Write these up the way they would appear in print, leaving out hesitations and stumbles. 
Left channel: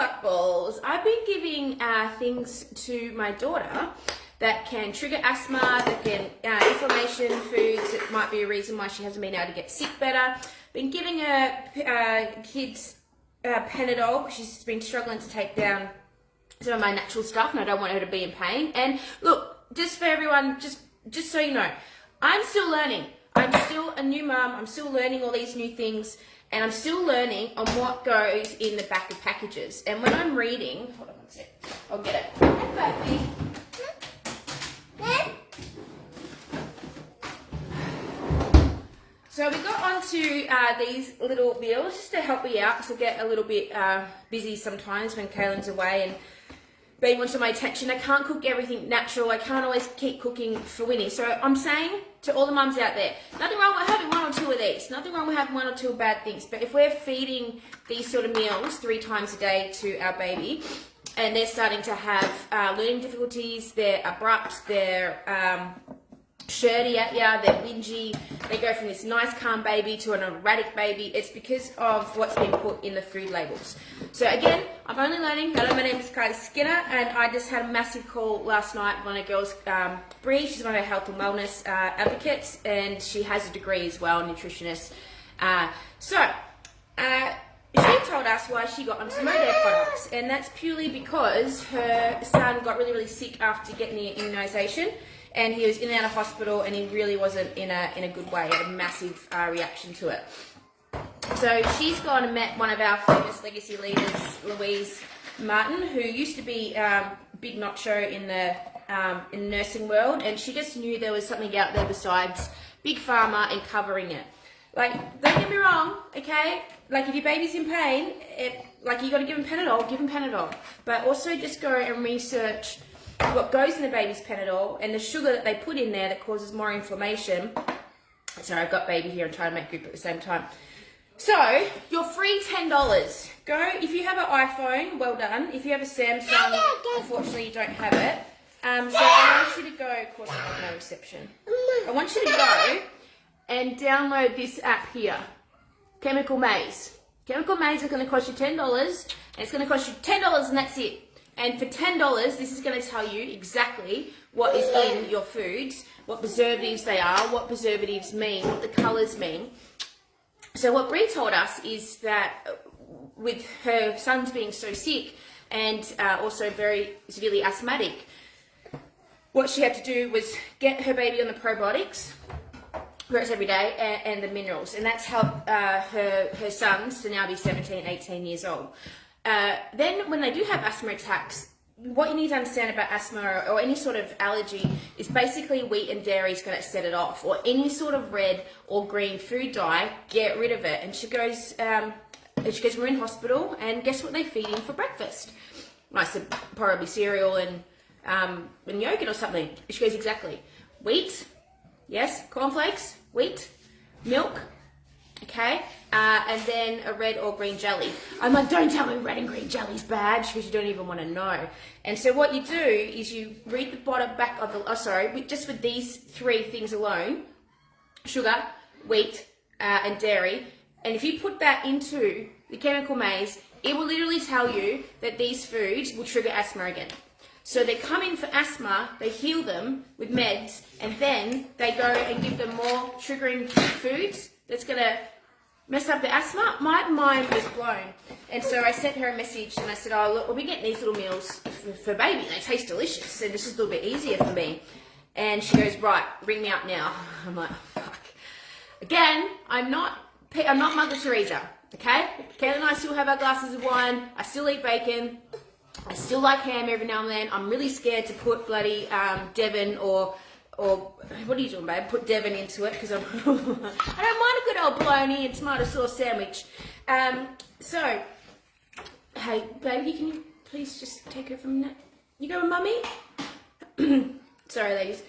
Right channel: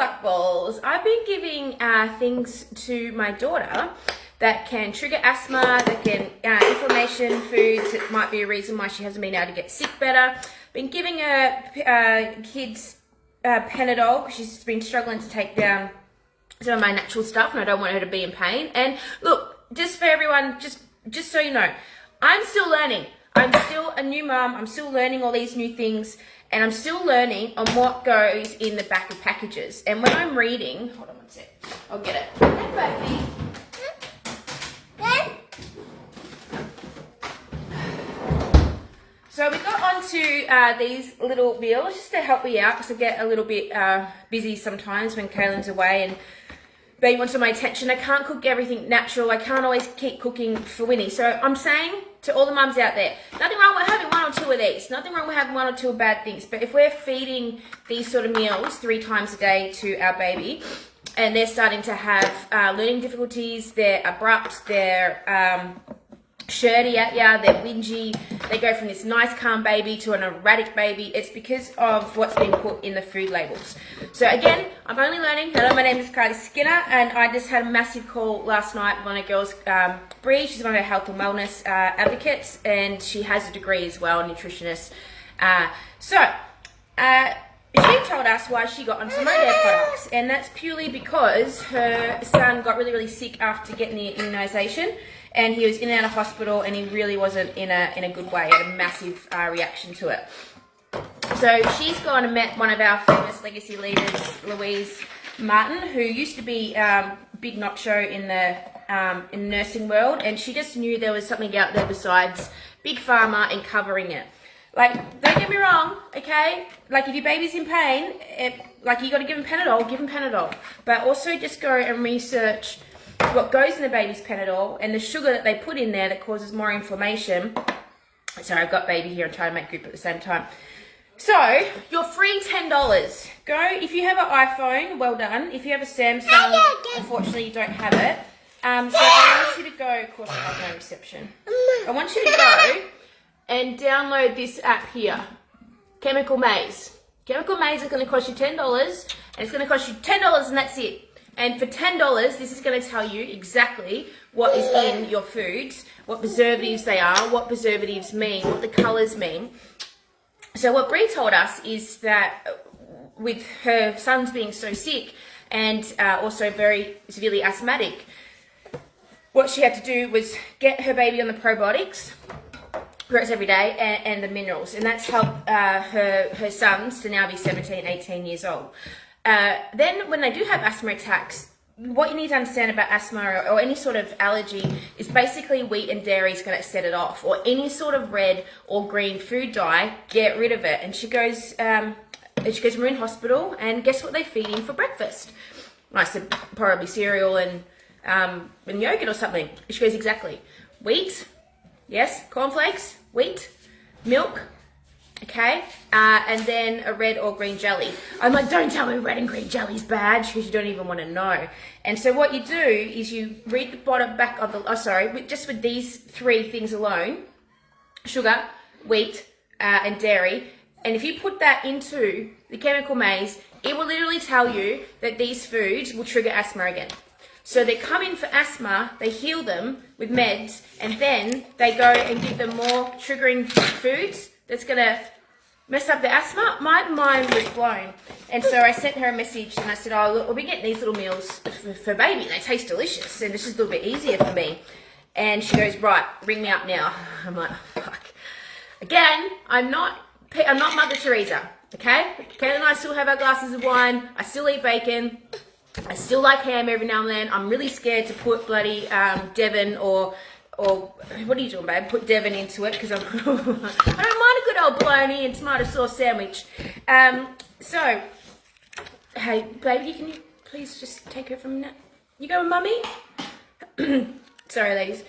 fuckballs, I've been giving things to my daughter that can trigger asthma, that can inflammation foods. It might be a reason why she hasn't been able to get sick better. Been giving her kids Panadol. She's been struggling to take down some of my natural stuff, and I don't want her to be in pain. And look, just for everyone, just so you know, I'm still learning. I'm still a new mum. I'm still learning all these new things. And I'm still learning on what goes in the back of packages. And when I'm reading, hold on one sec, I'll get it. Hey, baby. So we got onto these little meals just to help me out, because I get a little bit busy sometimes when Kaylin's away and baby wants my attention. I can't cook everything natural. I can't always keep cooking for Wynnie. So I'm saying to all the mums out there, nothing wrong with having one or two of these. Nothing wrong with having one or two bad things. But if we're feeding these sort of meals 3 times a day to our baby, and they're starting to have learning difficulties, they're abrupt, they're shirty at ya, they're whingy, they go from this nice calm baby to an erratic baby, it's because of what's been put in the food labels. So again, I'm only learning. Hello, my name is Kylie Skinner, and I just had a massive call last night with one of the girls, Bree. She's one of our health and wellness advocates, and she has a degree as well, a nutritionist. She told us why she got onto Modare products, and that's purely because her son got really, really sick after getting the immunisation. And he was in and out of hospital, and he really wasn't in a good way. He had a massive reaction to it. So she's gone and met one of our famous legacy leaders, Louise Martin, who used to be big nacho in the nursing world, and she just knew there was something out there besides Big Pharma and covering it. Like, don't get me wrong, okay? Like, if your baby's in pain, you got to give him Panadol. But also just go and research what goes in the baby's Panadol and the sugar that they put in there that causes more inflammation. Sorry, I've got baby here and trying to make group at the same time. So, your free $10. Go, if you have an iPhone, well done. If you have a Samsung, unfortunately you don't have it. So I want you to go, of course I have no reception. I want you to go and download this app here, Chemical Maze. Chemical Maze is going to cost you $10, and it's going to cost you $10 and that's it. And for $10, this is going to tell you exactly what is in your foods, what preservatives they are, what preservatives mean, what the colours mean. So what Bree told us is that with her sons being so sick and also very severely asthmatic, what she had to do was get her baby on the probiotics every day and the minerals. And that's helped her sons to now be 17, 18 years old. Then when they do have asthma attacks, what you need to understand about asthma or any sort of allergy is basically wheat and dairy is going to set it off, or any sort of red or green food dye, get rid of it. And she goes, we're in hospital, and guess what they feed in for breakfast? I said, probably cereal and yogurt or something. She goes, exactly. Wheat, yes, cornflakes, wheat, milk, okay, and then a red or green jelly. I'm like, don't tell me red and green jelly's bad, because you don't even want to know. And so what you do is you read the bottom back of the, just with these 3 things alone, sugar, wheat, and dairy, and if you put that into the Chemical Maze, it will literally tell you that these foods will trigger asthma again. So they come in for asthma, they heal them with meds, and then they go and give them more triggering foods that's going to mess up the asthma. My mind was blown. And so I sent her a message and I said, oh, look, we'll be getting these little meals for baby. They taste delicious and it's just a little bit easier for me. And she goes, right, ring me up now. I'm like, oh, fuck. Again, I'm not Mother Teresa, okay? Kate and I still have our glasses of wine. I still eat bacon. I still like ham every now and then. I'm really scared to put bloody Devon or what are you doing, babe? Put Devon into it, because I don't mind a good old bologna and tomato sauce sandwich. So, hey, baby, can you please just take her for a minute? You go with mummy? Sorry, ladies.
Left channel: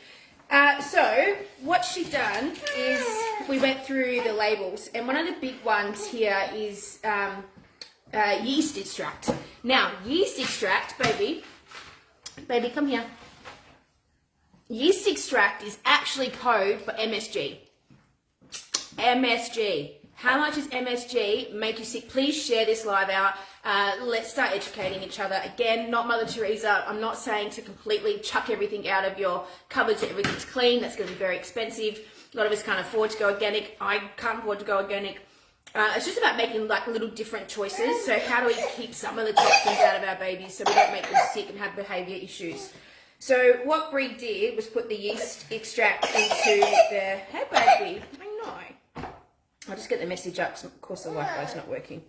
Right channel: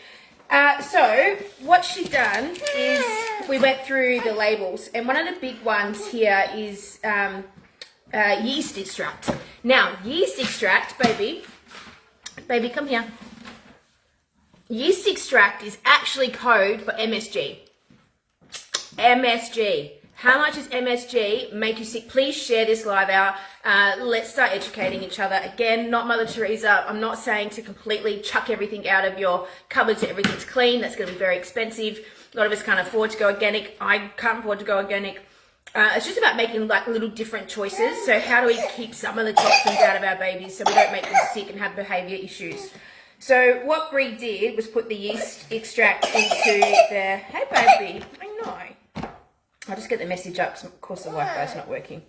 So, what she done is we went through the labels, and one of the big ones here is yeast extract. Now, yeast extract, baby, come here. Yeast extract is actually code for MSG. MSG. How much does MSG make you sick? Please share this live out. Let's start educating each other. Again, not Mother Teresa. I'm not saying to completely chuck everything out of your cupboard so everything's clean. That's going to be very expensive. A lot of us can't afford to go organic. I can't afford to go organic. It's just about making like little different choices. So how do we keep some of the toxins out of our babies so we don't make them sick and have behaviour issues? So what Brie did was put the yeast extract into the... Hey, baby. I know. I'll just get the message up because, of course, the Wi-Fi is not working.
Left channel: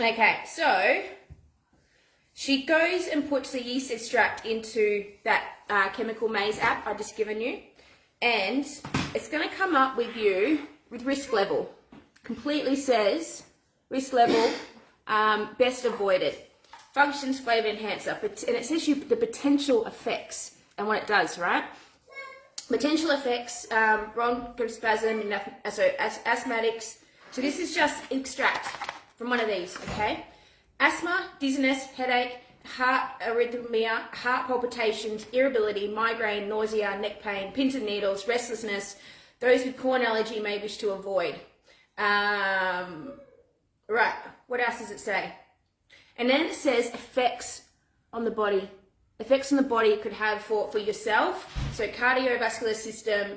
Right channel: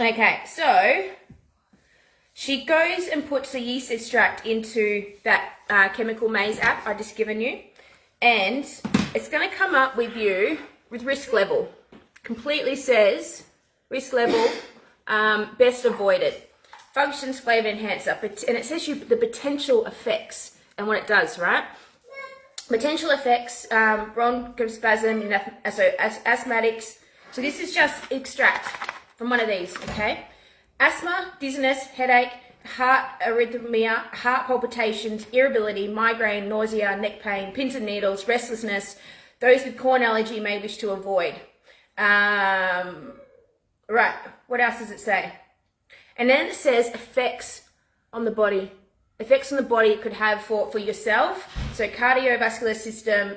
Okay, so she goes and puts the yeast extract into that chemical maze app I just given you, and it's going to come up with you with risk level. Completely says risk level, best avoided. Functions, flavour enhancer, and it says you the potential effects and what it does, right? Potential effects, bronchospasm, so asthmatics. So this is just extract from one of these, okay? Asthma, dizziness, headache, heart arrhythmia, heart palpitations, irritability, migraine, nausea, neck pain, pins and needles, restlessness. Those with corn allergy may wish to avoid. Right, what else does it say? And then it says effects on the body. Effects on the body it could have for yourself, so cardiovascular system,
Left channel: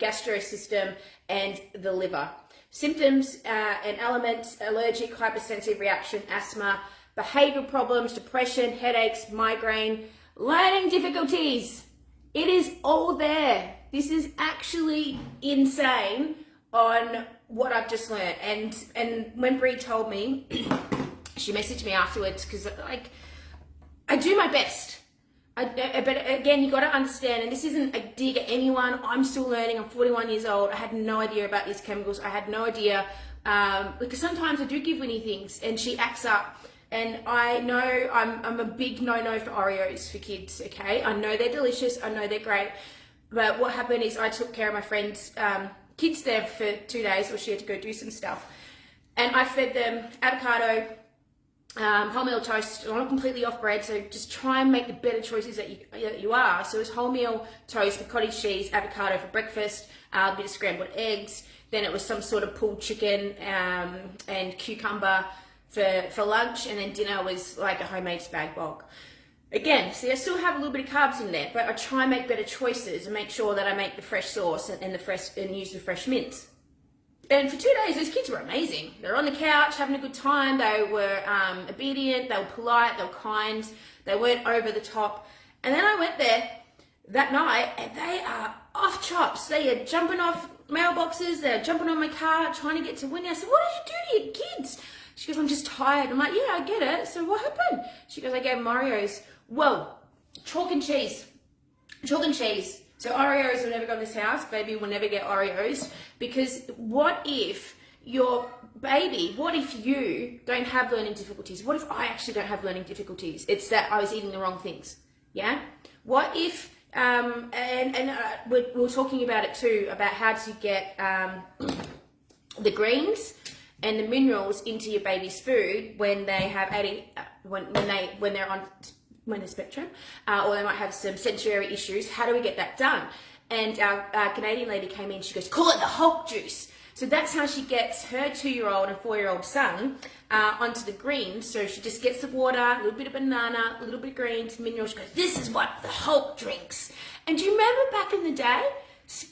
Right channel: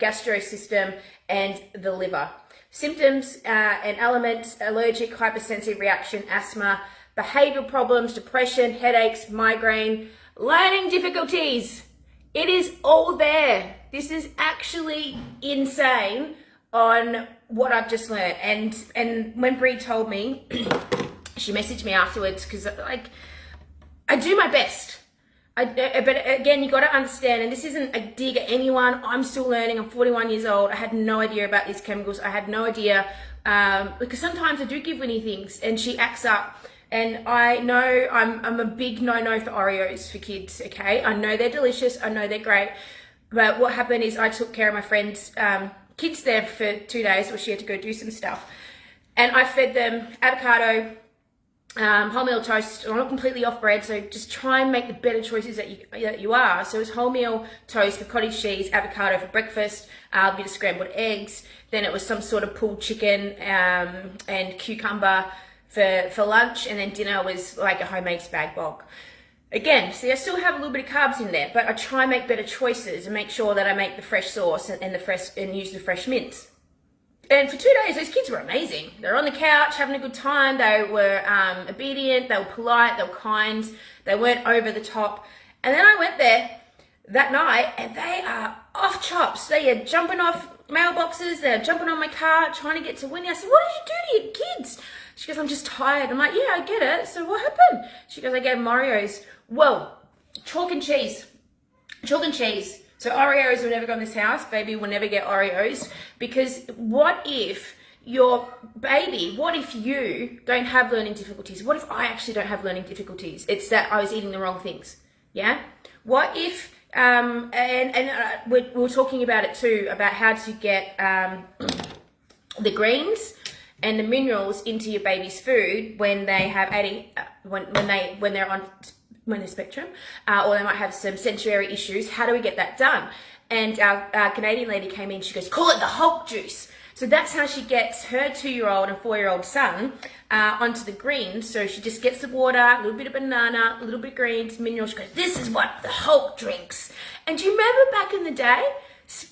gastro system, and the liver. Symptoms and elements: allergic, hypersensitive reaction, asthma, behavioural problems, depression, headaches, migraine, learning difficulties. It is all there. This is actually insane on what I've just learned. And when Brie told me, she messaged me afterwards because like I do my best. But again, you got to understand, and this isn't a dig at anyone. I'm still learning. I'm 41 years old. I had no idea about these chemicals. I had no idea because sometimes I do give Wynnie things and she acts up. And I know I'm a big no-no for Oreos for kids, okay? I know they're delicious. I know they're great. But what happened is I took care of my friend's kids there for 2 days where she had to go do some stuff. And I fed them avocado, wholemeal toast. I'm not completely off bread, so just try and make the better choices that you are. So it was wholemeal toast with cottage cheese, avocado for breakfast, a bit of scrambled eggs. Then it was some sort of pulled chicken and cucumber for lunch, and then dinner was like a homemade spag bol. Again, see, I still have a little bit of carbs in there, but I try and make better choices and make sure that I make the fresh sauce and use the fresh mince. And for 2 days, those kids were amazing. They were on the couch having a good time. They were obedient. They were polite. They were kind. They weren't over the top. And then I went there that night, and they are off chops. They are jumping off mailboxes. They're jumping on my car, trying to get to Wynnie. I said, "What did you do to your kids?" She goes, "I'm just tired." I'm like, "Yeah, I get it. So what happened?" She goes, "I gave them Oreos." Well, chalk and cheese. Chalk and cheese. So Oreos will never go in this house. Baby will never get Oreos. Because what if your baby, what if you don't have learning difficulties? What if I actually don't have learning difficulties? It's that I was eating the wrong things. Yeah? What if, we're talking about it too, about how to get the greens and the minerals into your baby's food when they have when they're on the spectrum, or they might have some sensory issues. How do we get that done? And our Canadian lady came in, she goes, "Call it the Hulk juice." So that's how she gets her 2-year-old and 4-year-old son onto the greens. So she just gets the water, a little bit of banana, a little bit of greens, minerals. She goes, "This is what the Hulk drinks." And do you remember back in the day,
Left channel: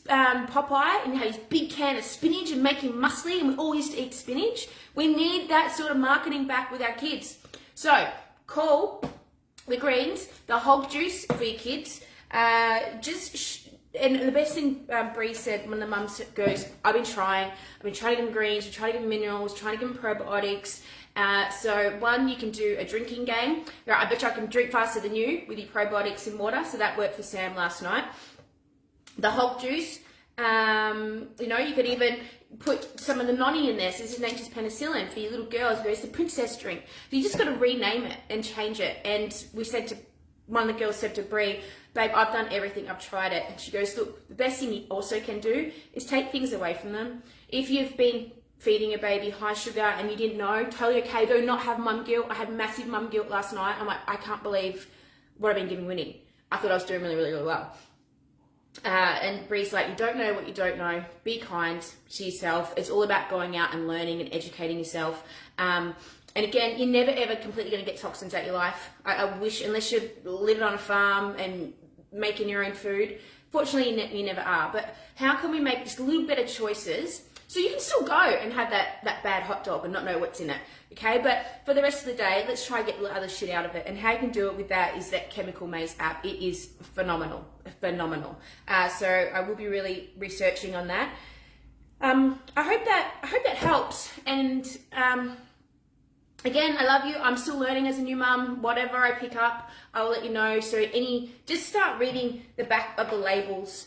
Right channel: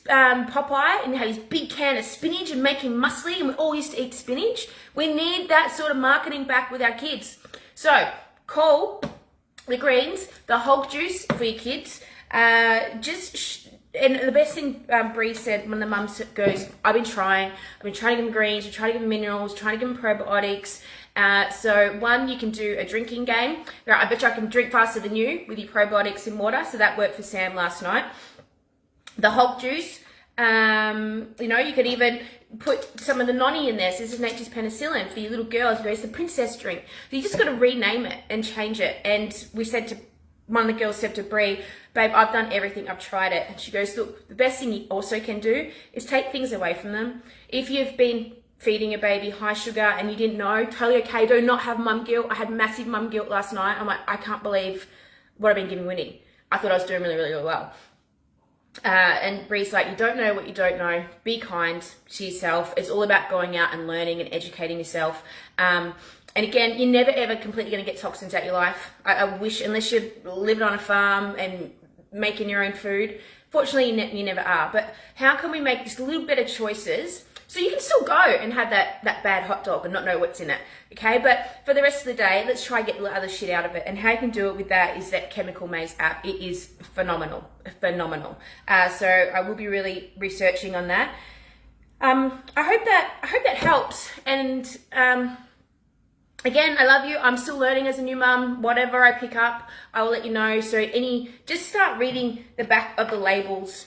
Popeye, and he had his big can of spinach and make him muscly, and we all used to eat spinach? We need that sort of marketing back with our kids. So call the greens, the Hulk juice for your kids. And the best thing Bree said when the mum goes, I've been trying to give them greens, I'm trying to give them minerals, trying to give them probiotics. So one, you can do a drinking game. I bet you I can drink faster than you with your probiotics in water. So that worked for Sam last night. The Hulk juice, you could even put some of the noni in there. So this is nature's penicillin for your little girls. It's the princess drink. So you just got to rename it and change it. And one of the girls said to Brie, "Babe, I've done everything. I've tried it." And she goes, "Look, the best thing you also can do is take things away from them. If you've been feeding a baby high sugar and you didn't know, totally okay. Do not have mum guilt. I had massive mum guilt last night. I'm like, I can't believe what I've been giving Wynnie. I thought I was doing really, really well. And Bree's like, you don't know what you don't know. Be kind to yourself. It's all about going out and learning and educating yourself. And again, you're never ever completely going to get toxins out your life. I wish, unless you're living on a farm and making your own food. Fortunately, you never are. But how can we make just a little better choices so you can still go and have that bad hot dog and not know what's in it, okay? But for the rest of the day, let's try and get the other shit out of it. And how you can do it with that is that Chemical Maze app. It is phenomenal, phenomenal. So I will be really researching on that. I hope that helps. And again, I love you. I'm still learning as a new mum. Whatever I pick up, I will let you know. So just start reading the back of the labels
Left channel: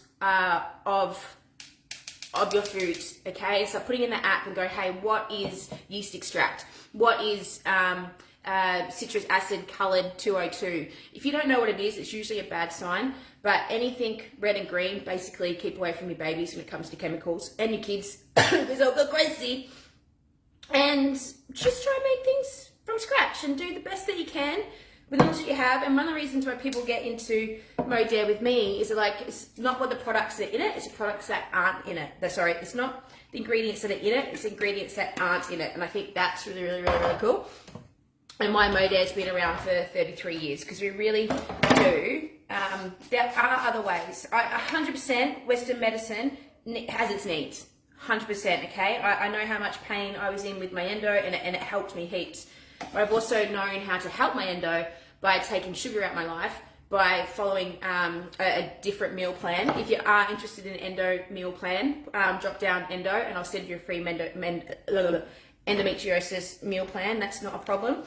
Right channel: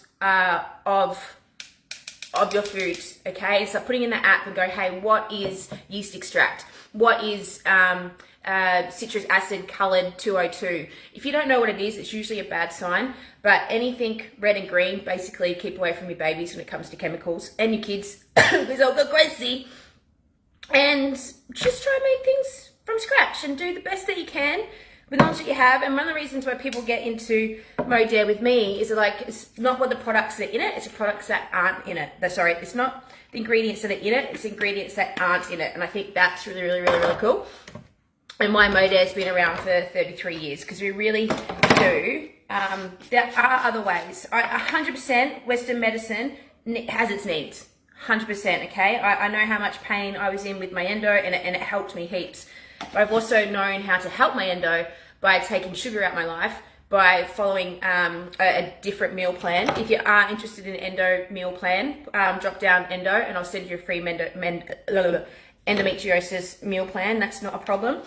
of your foods, okay? So putting in the app and go, hey, what is yeast extract? What is citrus acid colored 202? If you don't know what it is, it's usually a bad sign. But anything red and green, basically keep away from your babies when it comes to chemicals and your kids, because they'll go crazy. And just try and make things from scratch and do the best that you can with knowledge that you have. And one of the reasons why people get into Modare with me is like, it's not what the products that are in it, it's the products that aren't in it. Sorry, it's not the ingredients that are in it, it's the ingredients that aren't in it. And I think that's really, really, really, really cool. And why Modare's been around for 33 years, because we really do. There are other ways. 100% Western medicine has its needs. 100%, okay? I know how much pain I was in with my endo, and it helped me heaps. But I've also known how to help my endo by taking sugar out of my life, by following a different meal plan. If you are interested in an endo meal plan, drop down endo and I'll send you a free endometriosis meal plan. That's not a problem.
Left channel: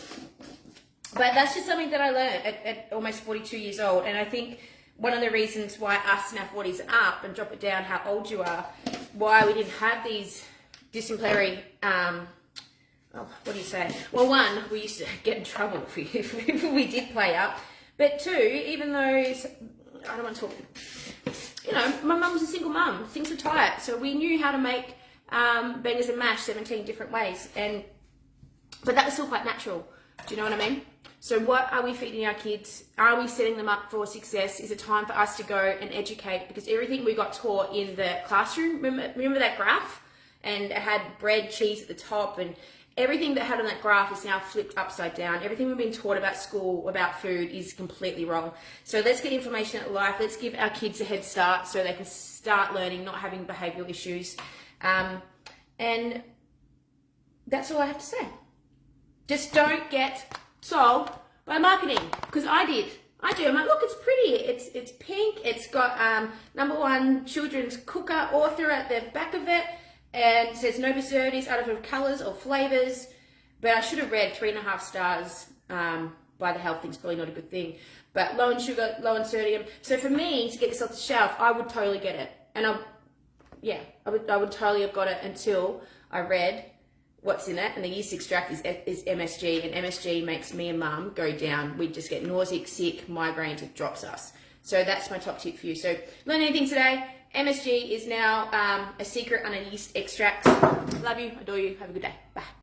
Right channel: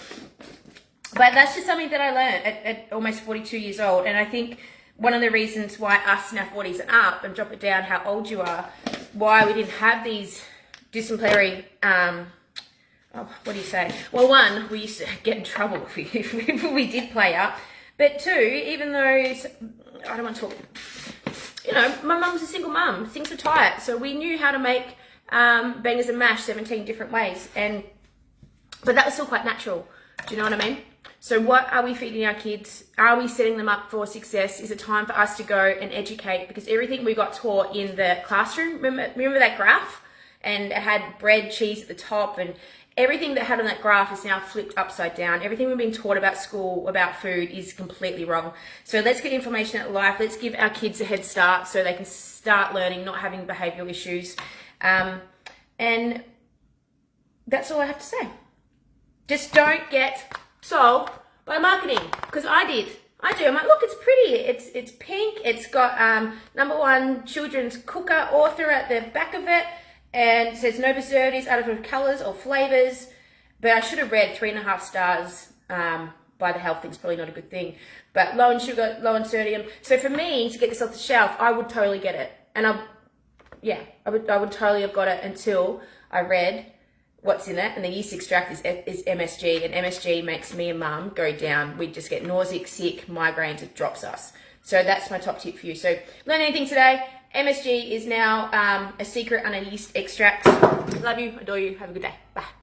But that's just something that I learned at almost 42 years old. And I think one of the reasons why us in our 40s and up, and drop it down how old you are, why we didn't have these dysentery, what do you say? Well, one, we used to get in trouble if we did play up. But two, even though, I don't want to talk, my mum was a single mum. Things were tight. So we knew how to make bangers and mash 17 different ways. But that was still quite natural. Do you know what I mean? So what are we feeding our kids? Are we setting them up for success? Is it time for us to go and educate? Because everything we got taught in the classroom, remember that graph? And it had bread, cheese at the top, and everything that had on that graph is now flipped upside down. Everything we've been taught about school, about food, is completely wrong. So let's get information out of life. Let's give our kids a head start so they can start learning, not having behavioural issues. And that's all I have to say. Just don't get sold by marketing, because I do. I'm like, look, it's pretty. It's pink. It's got #1 children's cooker author at the back of it. And it says no preservatives, artificial colours or flavours. But I should have read 3.5 stars by the health thing's probably not a good thing. But low in sugar, low in sodium. So for me to get this off the shelf, I would totally get it. And I would totally have got it until I read what's in it. And the yeast extract is MSG. And MSG makes me and mum go down. We just get nauseous, sick, migraines, it drops us. So that's my top tip for you. So learn anything today. MSG is now a secret under yeast extract. Love you, adore you, have a good day. Bye.